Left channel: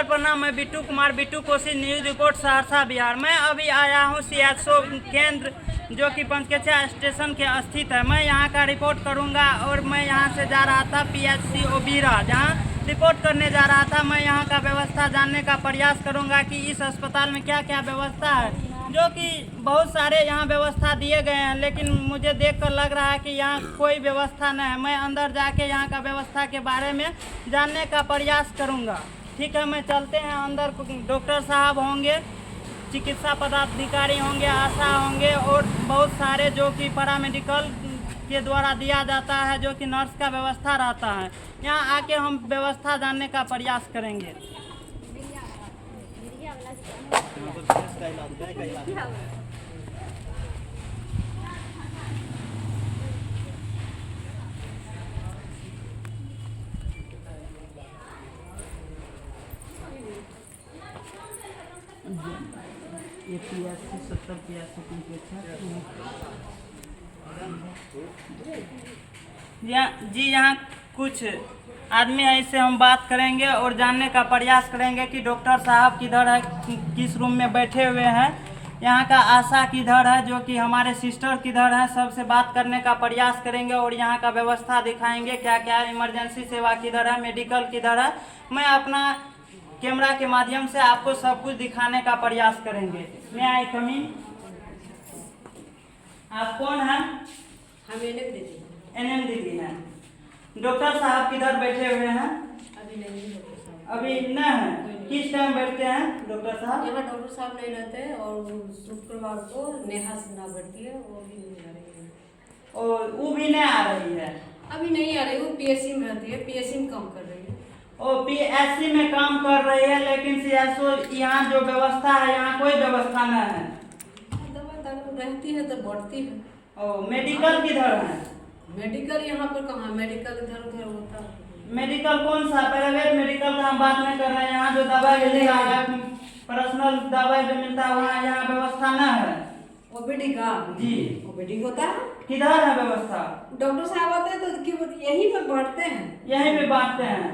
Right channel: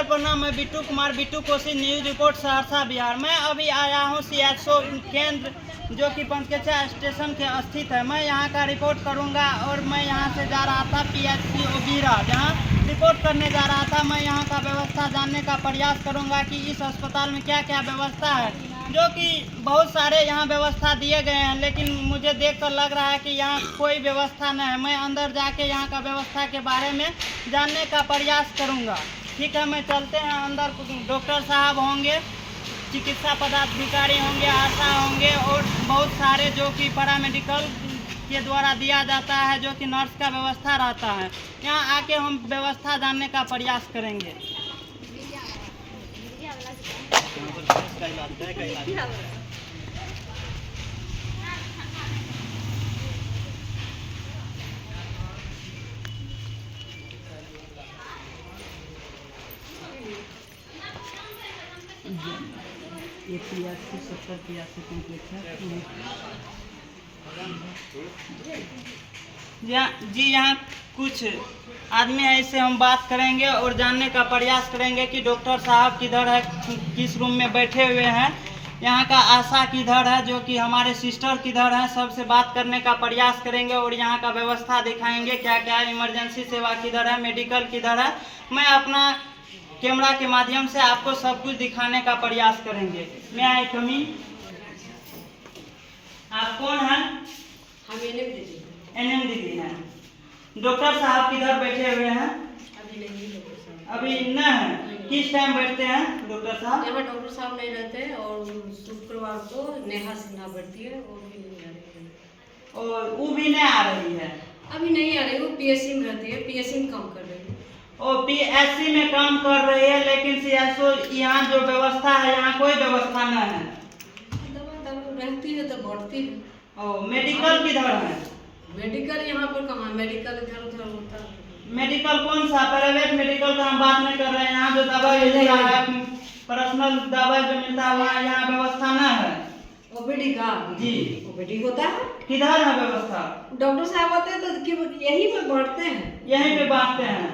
नमस्कार प्रणाम। मैं बिट्टू कुमार, बिट्टू कोसी, न्यूज़ रिपोर्ट सहरसा बिहार। मैं अभी आया हूँ सीएचओ केंद्र जो कि पंचकेचा स्टेशन के स्थित है। मैं यहाँ का रिपोर्ट करूँगा और मैं यहाँ से जा रहा था पीएचसीओ बीरा, जहाँ रिपोर्ट करने जा रहा था। मैं यहाँ का व्यवस्था जानने का प्रयास करूँगा कि इस अस्पताल में क्या क्या व्यवस्था है, जो कि बहुत सारे यहाँ व्यवस्था दिए गए हैं, लेकिन मुझे देखकर लग रहा है कि यहाँ कोई व्यवस्था नहीं है। मैं अंदर जाके यहाँ का व्यवस्था के बारे में जानने का प्रयास करूँगा। ठीक है, मैं चलते हैं अंदर। डॉक्टर साहब होंगे, चिकित्सा पदाधिकारी होंगे, आशा होंगे और बहुत सारे जो कि पैरामेडिकल के द्वारा दिया जाता है, जो कि नर्स का व्यवस्था रहता है। यहाँ आके हम व्यवस्था जानने का प्रयास करेंगे। ये 70 कम्प्लीट है जी। यहाँ कुछ आदमी है, इससे हम बात करेंगे और जानने का प्रयास करेंगे कि डॉक्टर साहब किधर है, किस रूम में बैठे हुए हैं। यहाँ का आशा किधर है, जो कि हमारे सिस्टर किधर है, सबसे बात करने का प्रयास करेंगे और यहाँ का व्यवस्था दिखाएंगे क्या क्या इमरजेंसी सेवा किधर है, मेडिकल किधर है। मैं अपना कैमरा के माध्यम से आपको सब कुछ दिखाने का प्रयास करेंगे। मैं आई कमी, आप कौन हैं? हम एनएम दीदी हैं। डॉक्टर साहब किधर बैठे हुए हैं? अभी नहीं डॉक्टर साहब। अभी न है। किस टाइम बैठते हैं डॉक्टर साहब? यहाँ डॉक्टर साहब नहीं रहते हैं और शुक्रवार को नेहा सिन्हा बैठती है और भी नहीं आ रही है। और वो भी नहीं आ रही है? अभी नहीं आ रही, वो पीएससी में रहती है, पीएससी में काम कर रही है। और पीएससी में काम कर रही है, लेकिन सीएचओ यहाँ जो व्यवस्था है, यहाँ कोई व्यवस्था नहीं है। दवा दारू रहती है तो बढ़ती है। और मेडिकल किधर है? मेडिकल यहाँ पर कहाँ, मेडिकल इधर उधर होता है। मेडिकल कौन सा? प्राइवेट मेडिकल का हम बात नहीं कर रहे हैं। यहाँ जो दवाई मिलता है, पर्सनल दवाई जो मिलता है, वहाँ यहाँ व्यवस्था न है। ओपीडी का जी, ओपीडी होता है। किधर है व्यवस्था? डॉक्टर साहब आते हैं तो यहीं पर बांटते हैं, यहीं पे बांटते हैं।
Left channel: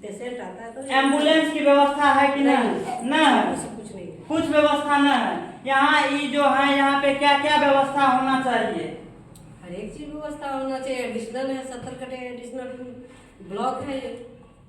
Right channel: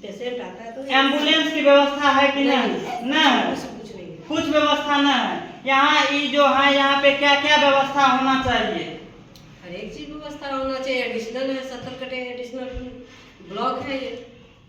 पेशेंट आता है तो एम्बुलेंस की व्यवस्था है कि नहीं? नहीं, कुछ नहीं है। कुछ व्यवस्था न है। यहाँ ये जो है, यहाँ पे क्या क्या व्यवस्था होना चाहिए? हर एक चीज व्यवस्था होना चाहिए। एडिशनल है, 70 कटे एडिशनल ब्लॉक है ये।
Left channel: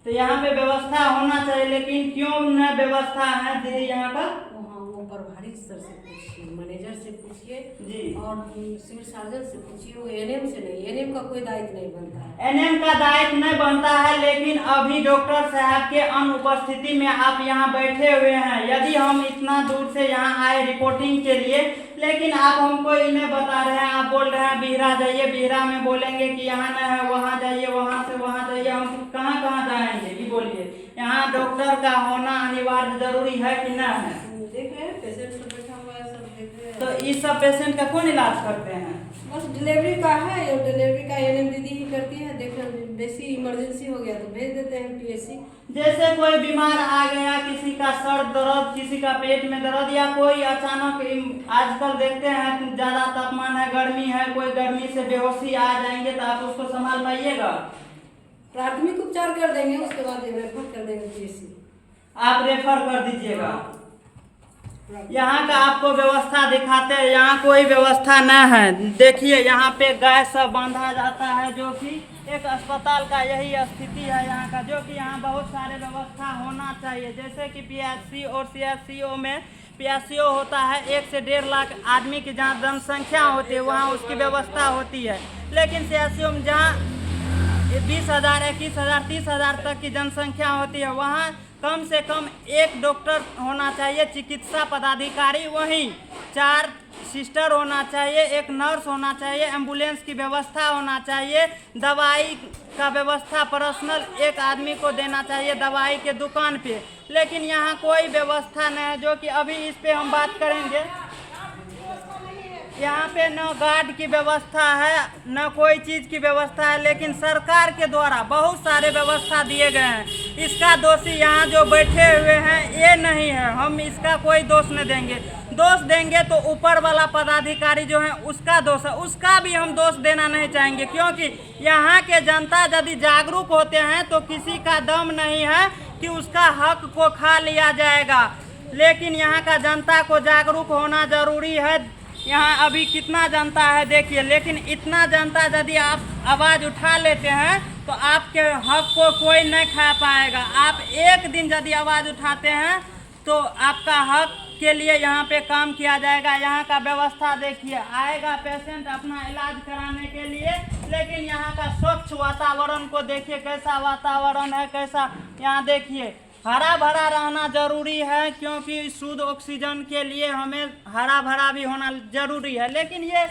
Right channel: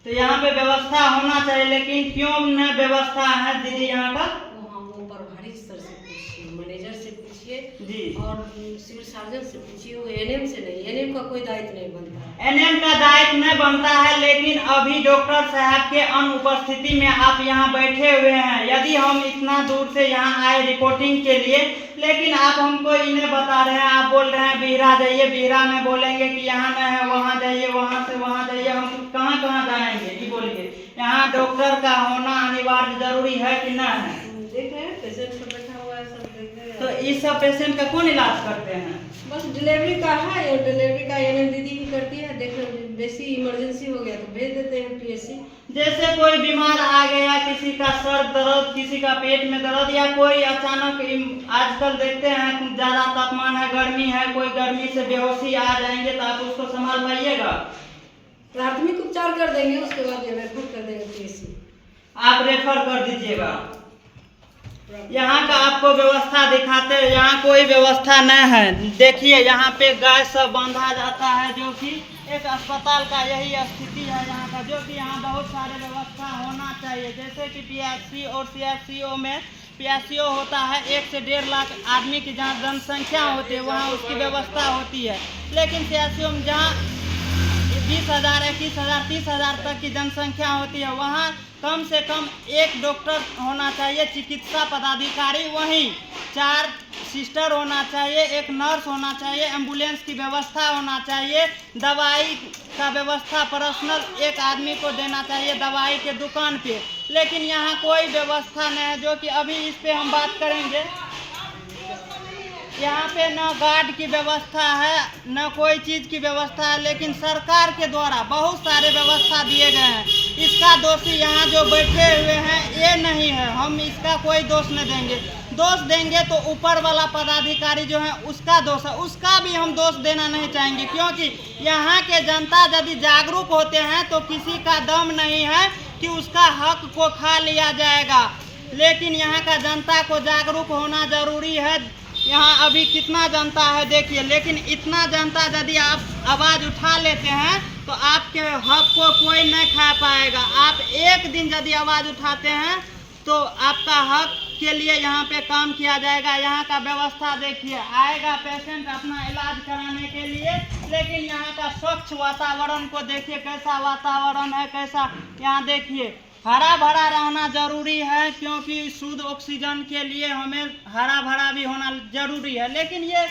तो यहाँ पे व्यवस्था होना चाहिए, लेकिन क्यों न व्यवस्था है दीदी यहाँ का? वो प्रभारी सर से पूछिए, मैनेजर से पूछिए जी, और सिविल सर्जन से पूछिए। वो एनएम से नहीं, एनएम का कोई दायित्व नहीं बनता है। एनएम का दायित्व नहीं बनता है, लेकिन अभी डॉक्टर साहब के अनुपस्थिति में आप यहाँ बैठे हुए हैं। यदि हम इतना दूर से यहाँ आए रिपोर्टिंग के लिए, लेकिन आप हमको इन्हें बता रहे हैं, आप बोल रहे हैं बिहरा जाइए, बिहरा में बोलेंगे कि यहाँ न है, वहाँ जाइए, वहाँ से वहाँ जाइए। हम कहाँ कहाँ जाएंगे ये बोलिए? यहाँ डॉक्टर का होना अनिवार्य जरूरी है कि न है? देख रहे हैं पेशेंट सब बैठा हुआ है, सब देख रहे हैं। तो इस सब पेशेंट का कौन इलाज करते हैं? बस डिलीवरी का है, और डिलीवरी का एनएम दीदी ही करती है। देख रहे हैं, बेसी इमरजेंसी हो गया तो भेज देते हैं पीएससी। जैसे कोई बीमार आ गया, किसी का सर दर्द, किसी का पेट में दर्द, या कोई अचानक, आजकल देखते हैं ज्यादा तापमान है, गर्मी है, कोई गर्मी से बेहोशी आ जाएंगे, तो आप उसको संभाल पाइएगा? प्राथमिक उपचार कर देंगे, उसके बाद रेफर कर देंगे पीएससी। आप रेफर कर दीजिएगा। यहाँ का आपको व्यवस्था दिखाते हैं। यहाँ कोई व्यवस्था नहीं है। देखिए, यहाँ पे गाय सब बांधा जाता है, जो कि एक अस्पताल का यही स्थिति है यहाँ का, जो कि यहाँ बहुत सारे व्यवस्था होना चाहिए। जैसे कि पीएचसी और सीएचसीओ में पीएचसीओ होता है 1 से 1.5 लाख आदमी की जहाँ जनसंख्या होती है, वहाँ उसकी व्यवस्था होती है। लेकिन सीएचसीओ में जहाँ 20,000, 21,000, 30,000 तक की जनसंख्या होती है, वहाँ कम से कम 1 डॉक्टर होना चाहिए, चिकित्सा पदाधिकारी, वहीं 4 सिस्टर होना चाहिए, 1 नर्स होना चाहिए, एम्बुलेंस की व्यवस्था होना चाहिए, दवाई का व्यवस्था पर्सनल 1 आदमी को देना चाहिए दवाई के दुकान पे। लेकिन यहाँ कोई व्यवस्था नहीं है, जो कि अभी इस पे हम बात करेंगे। यहाँ पे न गार्ड की व्यवस्था है, न कोई चीज़ की व्यवस्था है, लेकिन सरकार के द्वारा बहुत सारे व्यवस्था दिए गए हैं। इसका दोषी यहाँ जो बैठे हुए हैं ये नहीं है, हम इसका कोई दोष नहीं देंगे। दोष देंगे तो ऊपर वाला पदाधिकारी जो है उसका दोष है, उसका भी हम दोष देना नहीं चाहेंगे, क्योंकि यहाँ के जनता यदि जागरूक होते हैं तो किसी का दम नहीं है कि उसका हक को खा लिया जाएगा। लेकिन यहाँ का जनता को जागरूक होना जरूरी है। यहाँ अभी कितना जनता है देखिए, लेकिन इतना जनता यदि आप आवाज़ उठा लेते हैं तो आपके हक को कोई नहीं खा पाएगा। आप एक दिन यदि आवाज़ उठाते हैं तो आपका हक के लिए यहाँ पे काम किया जाएगा। यहाँ का व्यवस्था देखिए, आएगा पेशेंट अपना इलाज कराने के लिए, लेकिन यहाँ का स्वच्छ वातावरण को देखिए, कैसा वातावरण है, कैसा यहाँ देखिए। हरा भरा रहना जरूरी है, क्योंकि शुद्ध ऑक्सीजन के लिए हमें हरा भरा भी होना जरूरी है। लेकिन ये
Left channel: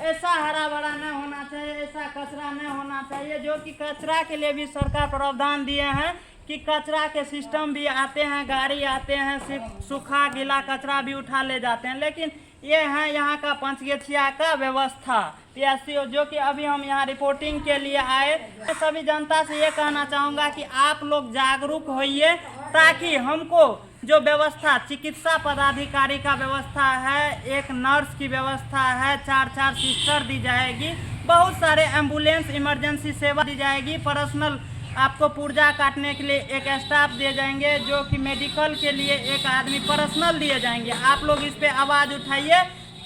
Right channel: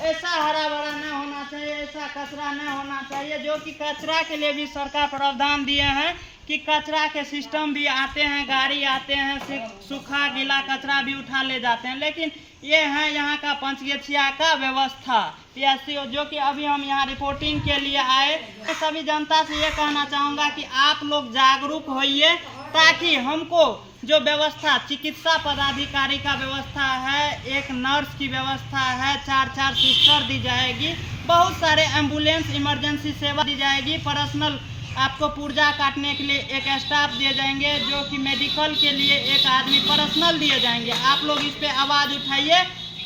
ऐसा हरा भरा नहीं होना चाहिए, ऐसा कचरा नहीं होना चाहिए, जो कि कचरा के लिए भी सरकार प्रावधान दिए हैं कि कचरा के सिस्टम भी आते हैं, गाड़ी आते हैं, सूखा गीला कचरा भी उठा ले जाते हैं। लेकिन ये है यहाँ का पंचगछिया का व्यवस्था पीएचसी, जो कि अभी हम यहाँ रिपोर्टिंग के लिए आए। सभी जनता से ये कहना चाहूँगा कि आप लोग जागरूक होइए, ताकि हमको जो व्यवस्था चिकित्सा पदाधिकारी का व्यवस्था है, एक नर्स की व्यवस्था है, 4 सिस्टर दी जाएगी, बहुत सारे एम्बुलेंस इमरजेंसी सेवा दी जाएगी, पर्सनल आपको पुर्जा काटने के लिए एक स्टाफ दिए जाएंगे, जो कि मेडिकल के लिए एक आदमी पर्सनल दिए जाएंगे। आप लोग इस पे आवाज़ उठाइए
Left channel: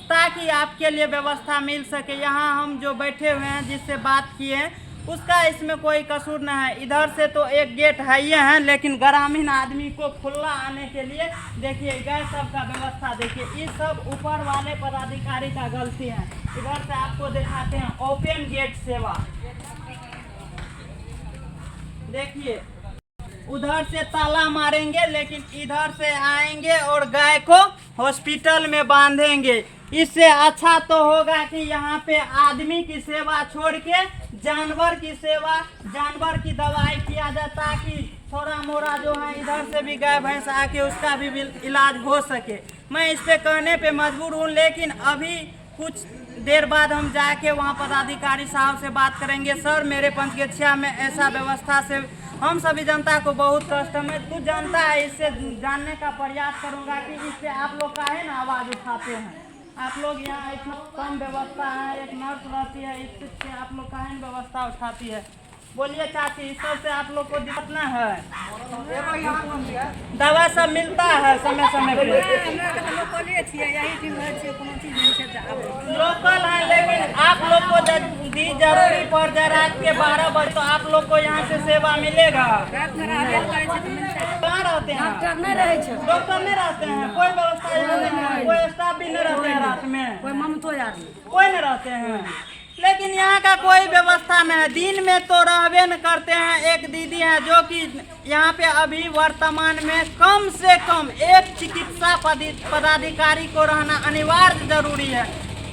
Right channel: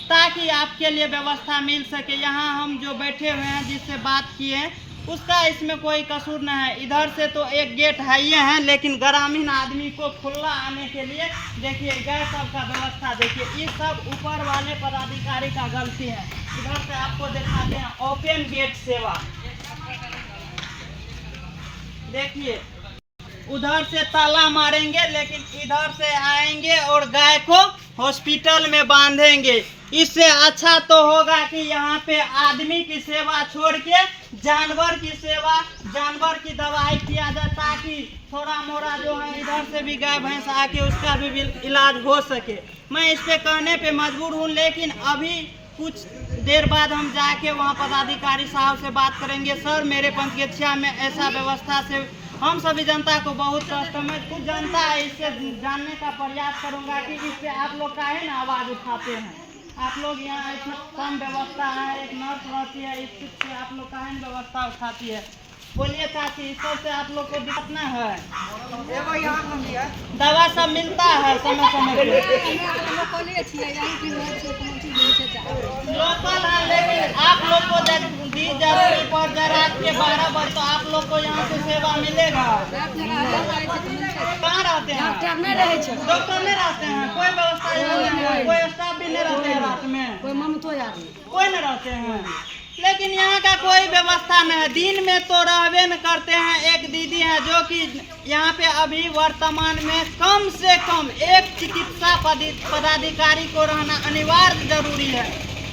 ताकि आपके लिए व्यवस्था मिल सके। यहाँ हम जो बैठे हुए हैं, जिससे बात किए हैं, उसका इसमें कोई कसूर नहीं है। इधर से तो एक गेट है ही है, लेकिन ग्रामीण आदमी को खुला आने के लिए देखिए गैस सब का व्यवस्था देखिए, ये सब ऊपर वाले पदाधिकारी का गलती है। इधर से आपको दिखाते हैं ओपन गेट सेवा, देखिए उधर से ताला मारेंगे, लेकिन इधर से आएंगे और गाय को हॉस्पिटल में बांधेंगे। इससे अच्छा तो होगा कि यहाँ पे आदमी की सेवा छोड़ के जानवर की सेवा, जानवर की दवाई किया जाए, ताकि थोड़ा मोड़ा जो है इधर से भी गाय भैंस आके उसका भी इलाज हो सके। मैं इस पे कहने पे मजबूर हूँ, लेकिन अभी कुछ देर बाद हम जाके वहाँ पदाधिकारी साहब से बात करेंगे। सर, मेरे पंचगछिया में ऐसा व्यवस्था से हम सभी जनता को बहुत कष्ट है। मैं कुछ जनता है, इससे जानने का प्रयास करूँगा कि इस पे आप लोग काहे ना आवाज़ उठाते हैं। आप लोग यहाँ इतना कम व्यवस्था है, एक नर्स रहती है, इससे आप लोग काहे व्यवस्था उठाती है। बोलिए चाची, इस सब से आप लोग को दिक्कत ना है? दवा सब मिलता है समय समय पे? लोकल है, लेकिन आप लोग को यदि जरूरी पड़ जाए रात के 12 बजे तो आप लोग को यहाँ से सेवा मिलेगा। कहाँ रहते हैं? डॉक्टर नहीं रहते हैं, कोई व्यवस्था यहाँ नहीं है, कोई स्टाफ भी नहीं रहते हैं रात में, कोई नहीं रहते हैं। लेकिन यहाँ का कोई व्यवस्था नहीं है। दिन में तो रहबे न करते हैं। एक दीदी है जो कि यहाँ पे अभी वर्तमान में कम से कम एक चिकित्सा पदाधिकारी को रहना अनिवार्य जरूरी है।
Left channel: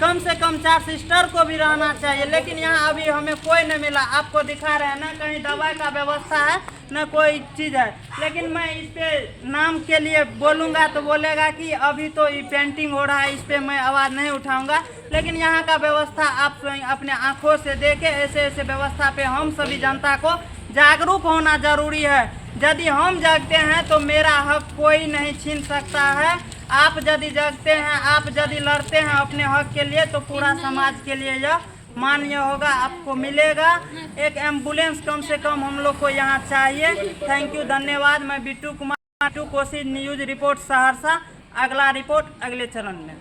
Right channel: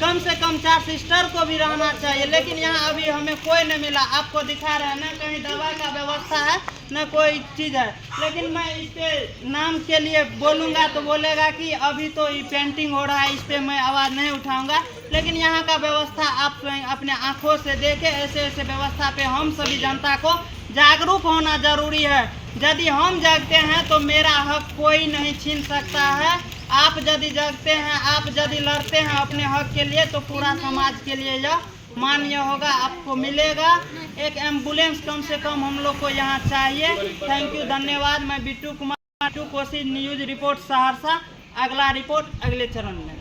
कम से कम 4 सिस्टर को भी रहना चाहिए, लेकिन यहाँ अभी हमें कोई नहीं मिला। आपको दिखा रहे हैं ना, कहीं दवा का व्यवस्था है न कोई चीज़ है। लेकिन मैं इस पे नाम के लिए बोलूँगा तो बोलेगा कि अभी तो ये पेंटिंग हो रहा है, इस पे मैं आवाज़ नहीं उठाऊँगा। लेकिन यहाँ का व्यवस्था आप अपने आँखों से देखें। ऐसे ऐसे व्यवस्था पे हम सभी जनता को जागरूक होना जरूरी है। यदि हम जागते हैं तो मेरा हक कोई नहीं छीन सकता है। आप यदि जागते हैं, आप यदि लड़ते हैं अपने हक के लिए, तो पूरा समाज के लिए यह मान्य होगा, आपको मिलेगा। एक एम्बुलेंस कम से कम हम लोग को यहाँ चाहिए। थैंक यू, धन्यवाद। मैं बिट्टू कुमार, कोसी न्यूज़ रिपोर्ट सहरसा। अगला रिपोर्ट अगले चरण में।